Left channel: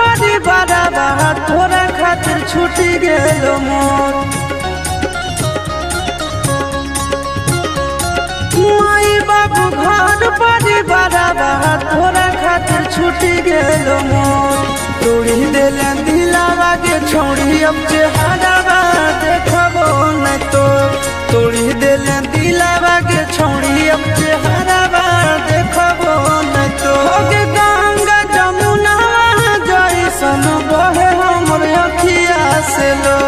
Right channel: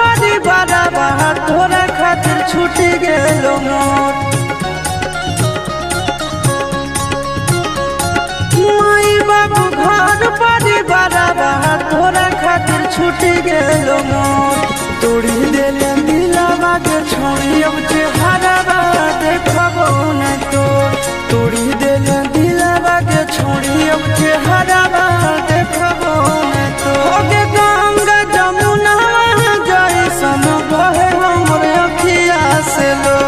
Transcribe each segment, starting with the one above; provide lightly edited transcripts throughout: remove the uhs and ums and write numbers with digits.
परिवार तोरा खातिर छूटी गेलो मोर। माई बाबू घर परिवार तोरा खातिर छूटी गेलो मोर। तोड़ी दिले दिलावा के छोड़ी अब चेहरा देखबो न तो। तोड़ी दिले दिलावा के छोड़ी अब चेहरा देखबो न तो। होगे गंगा जमुना जैसन बहे हमर अखिया से लो।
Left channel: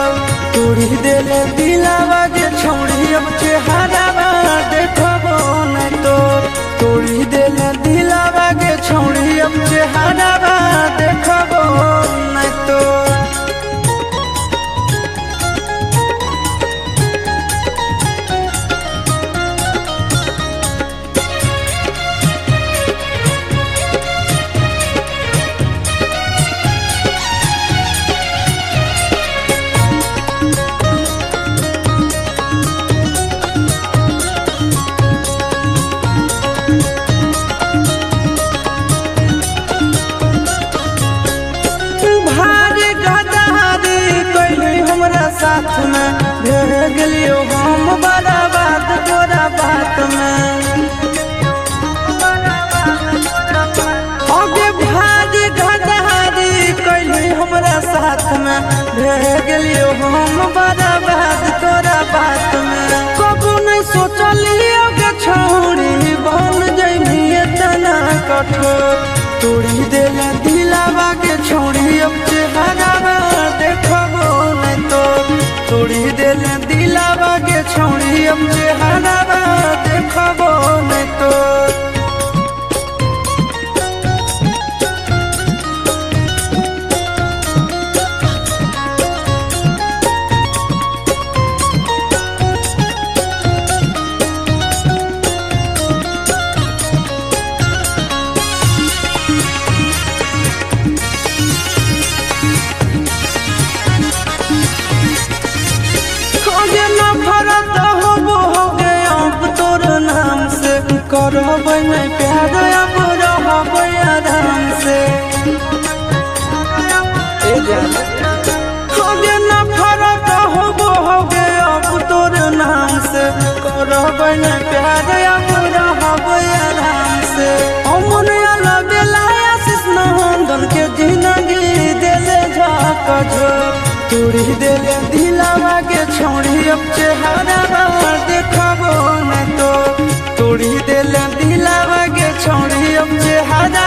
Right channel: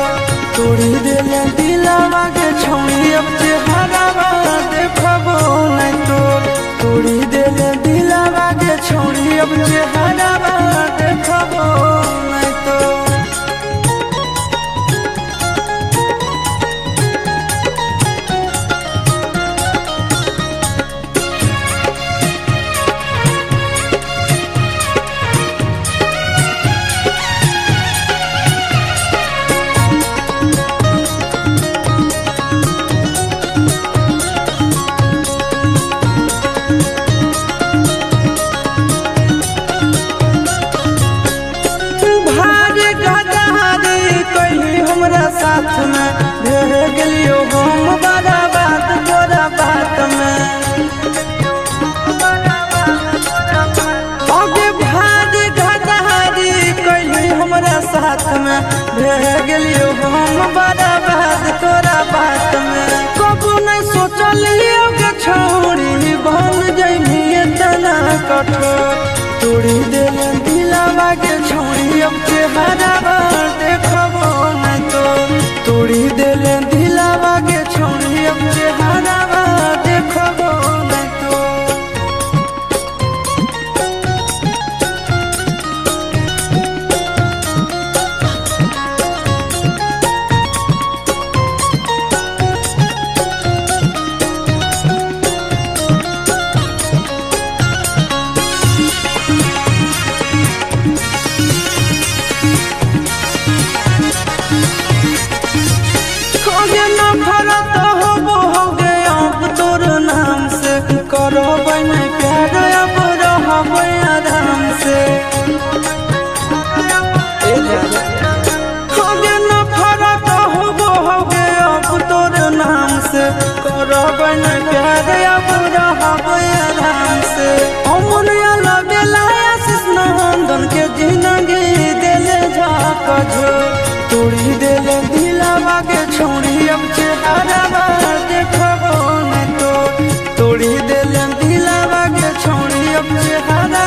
तोड़ी दिले दिलावा के छोड़ी अब चेहरा देखबो न तो। तोड़ी दिले दिलावा के छोड़ी अब चेहरा देखबो न तो। भारी गदारी कैली हमरा साथ में भेह गेलियो हम बड़ा बात तोरा बात में। आगे भारी गदारी कैली हमरा साथ में भेह गेलियो हम बड़ा बात तोरा बात में। कबू नहीं सोचलियो गे छोड़ी बन जइमी इतना कठोर। तोड़ी देला दिलावा के छोड़ी अब चेहरा देखबो न तो। तोड़ी देला दिलावा के छोड़ी अब चेहरा देखबो न तो। होगे नफरत होगे अब तोर नाम से। करबै नहीं प्यार अब रहबै आराम से। होगे नफरत होगे अब तोर नाम से। करबै नहीं प्यार अब रहबै आराम से। अमन वाला बेला आशीष नंदन के जिंदगी दिले झाक झोर। तोड़ी दिले दिलावा के छोड़ी अब चेहरा देखबो न तो। तोड़ी दिले दिलावा के छोड़ी अब चेहरा